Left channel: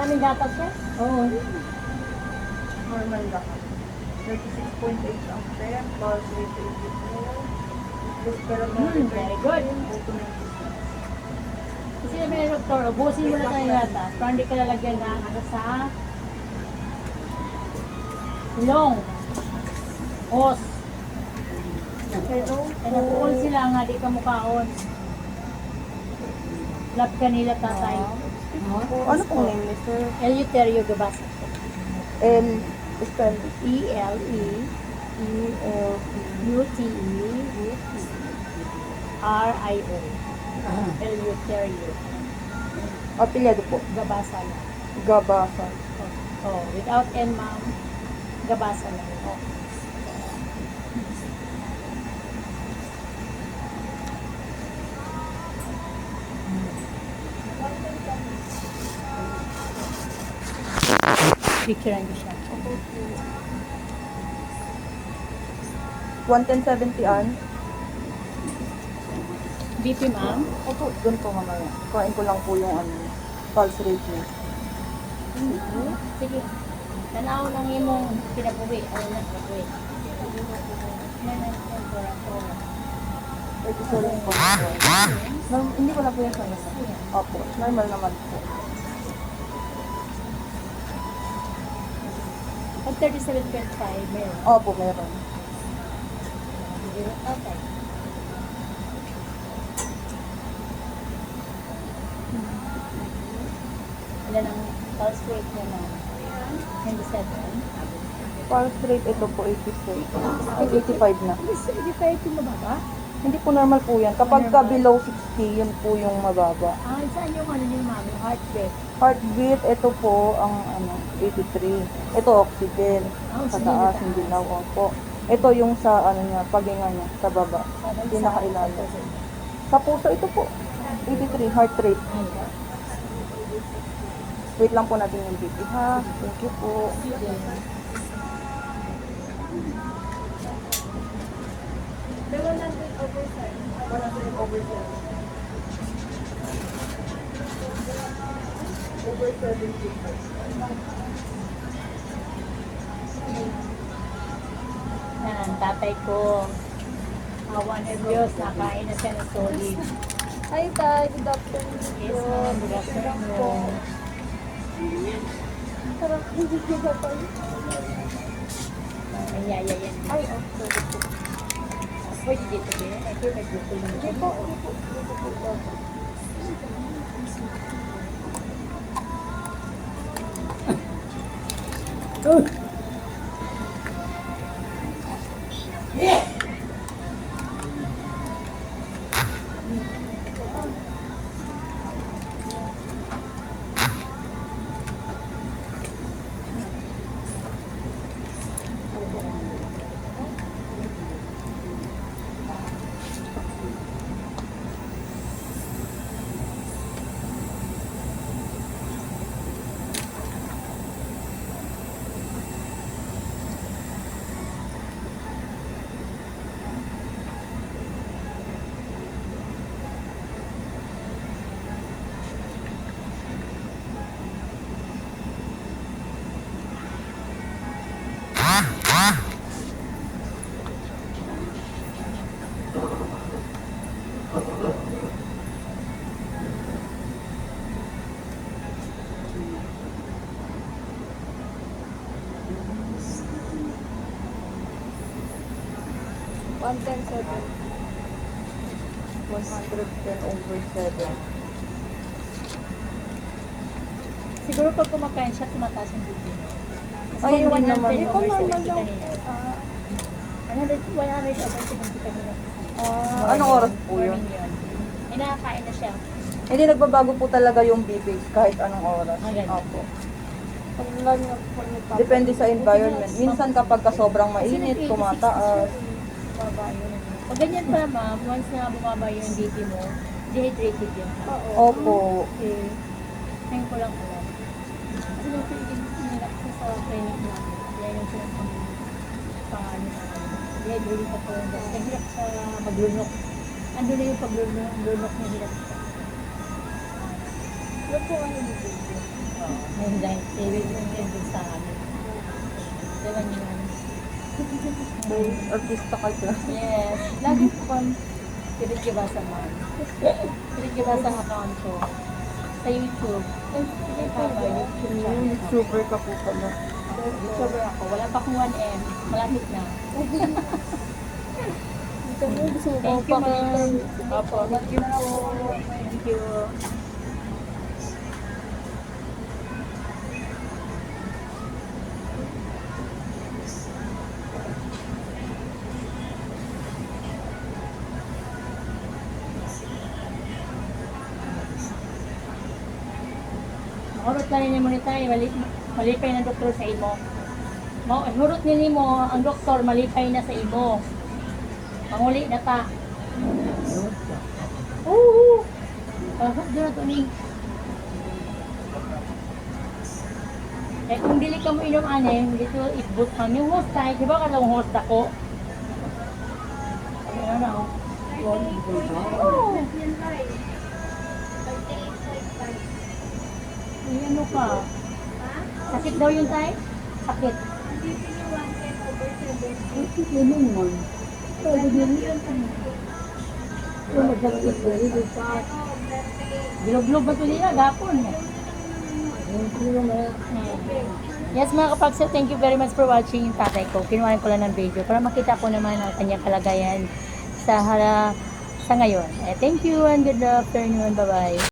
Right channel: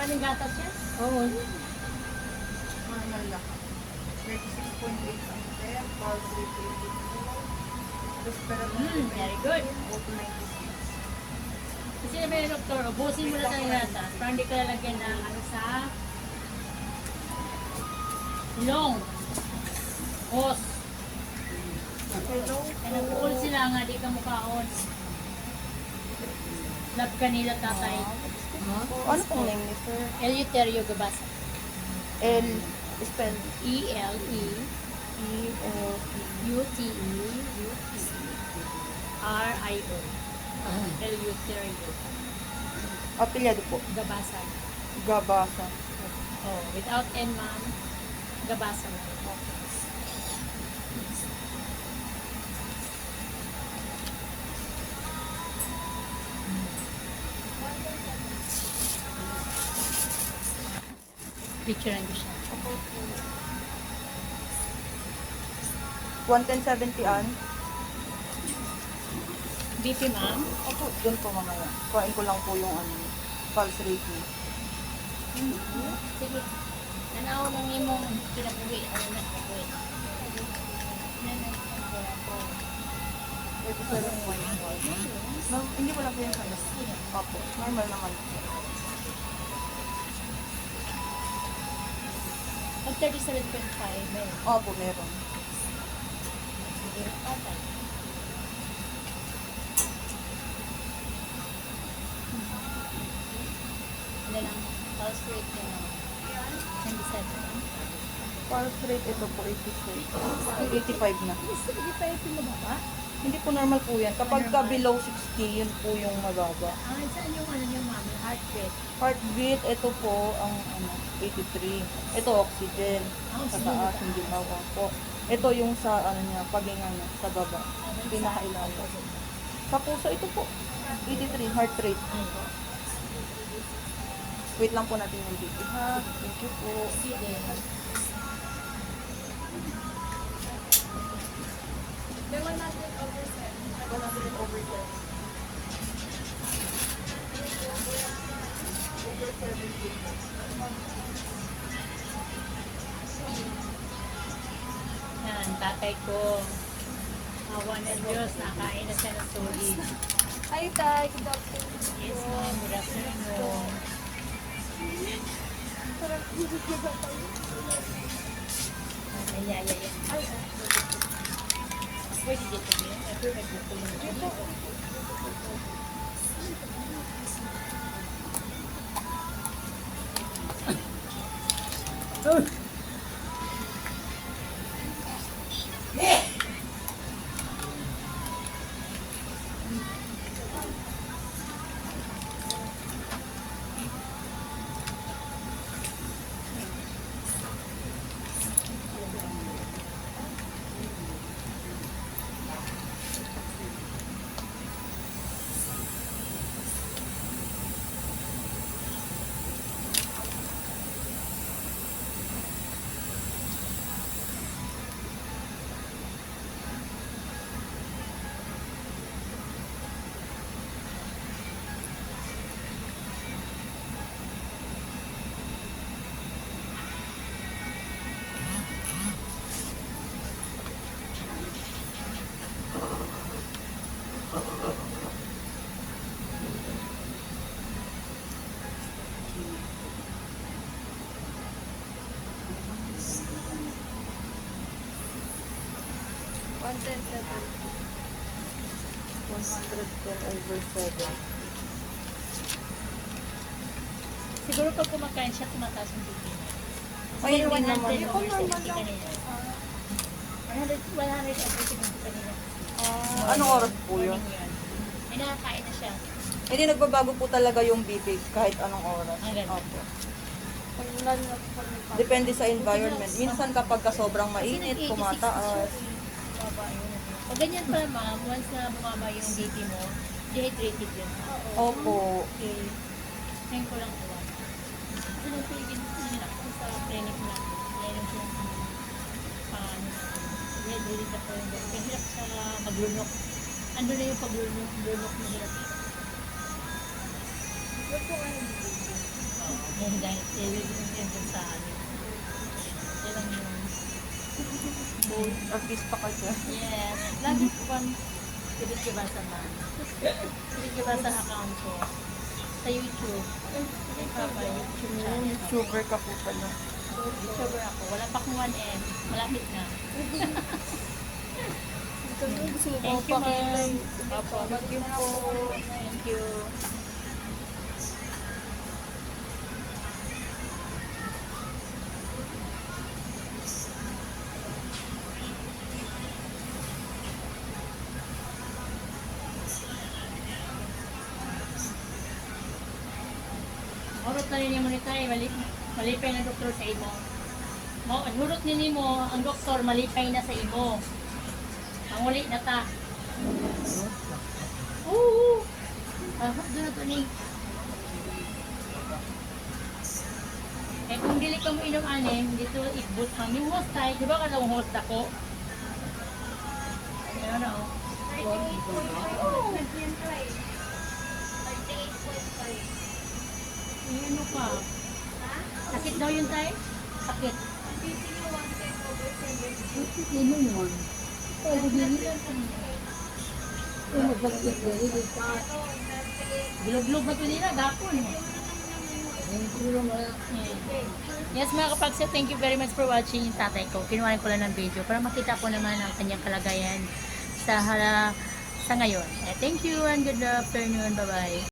Kanin gatas siya? Oo. Normal gatas. 36.8 ang step, plus 384. Mm, very good. Kasi sabi ni Doktor, ubusin mo na tayo gatas para hindi ka lalagyan ng ano sa long. Os. Hello. Kaya napuol sila nga, di ka mukhaon. Love ka nila, tatay. Ano pong name ni sir? Eleuterio Gabasa. L, spell. E-L-E. E-L. E U-T-E. E R-I-O. Eleuterio. Apelyado po. Gabasa na. Gabasa. Oh, without N, ma'am. Gabasa na. Okay. Picturean ko siya. Okay. 11070 on. BP ma'am? Opo, doon po mamaya. Kain ko lang po yung ano, pulse rate niya. Mm-hmm. Sige. Tanaw lang yung mong pinabuwi. Ano na pinabuwi. Ito po lang po. Hindi ko na po yung sanay. Opo, normal naman po. At 37.5, meron. Opo, meron. Okay. Ano ang pulse rate niya na 97? Pulse rate ito po 85. Ay, 85 na. 85 yung mababa? Hindi po normal po yan. Kapag ka below 60, yun po yung mababa. Ah, saan yung ano niyo, ma'am? Yung heartbeat? Heartbeat, ito po ang ano, 83. Ito oxygen. Ah, Sa taas, hindi na po. Ito yung sa ano niya, paginga ano, niya, sa baba. Sabay ah, sa- Pinakailalim. Sa puso, ito po. 83, heart rate. Wait lang po natin yung BP, ha? Thank you po. sige. Yan, tatay ko. Awa ng Diyos, nakain na siya ng solid. Hi, Tay. Good afternoon. Yes, ma'am. Good afternoon. Parang hindi ko ba pa? Ay, ay. Oh. Pwede dito din. May buko. Dito, dito. うん110 7. 110 over 7. Siguro pag kumakain siya, tumataas ang bibig niya. Ay, hindi naman. Ito naman lang. Ah, ano, wala rin siya. Uh, anong oras po yun? May na siya. Hindi, nagbabago po talaga yung bibig kahit anong oras. Ah, Opo. Depende sa environment. Minsan kapag ka sobrang mainit, tumataas. Pag ganyan pa, ma'am, once na bumaba yung BP mo, dehydrated yun. Opo. Okay. Ngayon ko lang po. Ano na hinirap ko sa na. Yan ang hirap ng paan. Yan, ulit Ang hirap maglunok. Ando na yung paglunok, lunok na hirap siya. Huwag po ngayon dahil iwi yung hindi eh, sa ano. Yan ang ka siya. Yes. Lagi po kan, kibig-kibasa man. Kibig-kibasa account ko. Sa YouTube. Mm, super ka po pala. Super ako. Wala pa akong 1M. Malapit na. Thank you, ma'am. Thank you. Hurot na ni mo nitay, eh. malipay na doktor sa imo. Hurot ni mo, ang doktor malipay na sa imo. Panguli na ta. Oo. Pagod na to ni. Eh kung dili ka mo inom ane, dito itbot ka. yung host tayo. Di ba ka lang host ako? Ano na ako? Oh. Ano ka? Sakit daw yun tay? Sakit. Ang sakit yun mo. Pwede din. Kung magdagdag ba yun? Bilog-log ba ito nila? Gapon. Yes mga kapaksa, thank you very much for watching yung tatay ko. Kinuhaan ko lang ng video para makita ko naman ang kanyang kalagayan sa, hala, sa ngayon. Eh, thank you and good afternoon. Bye-bye.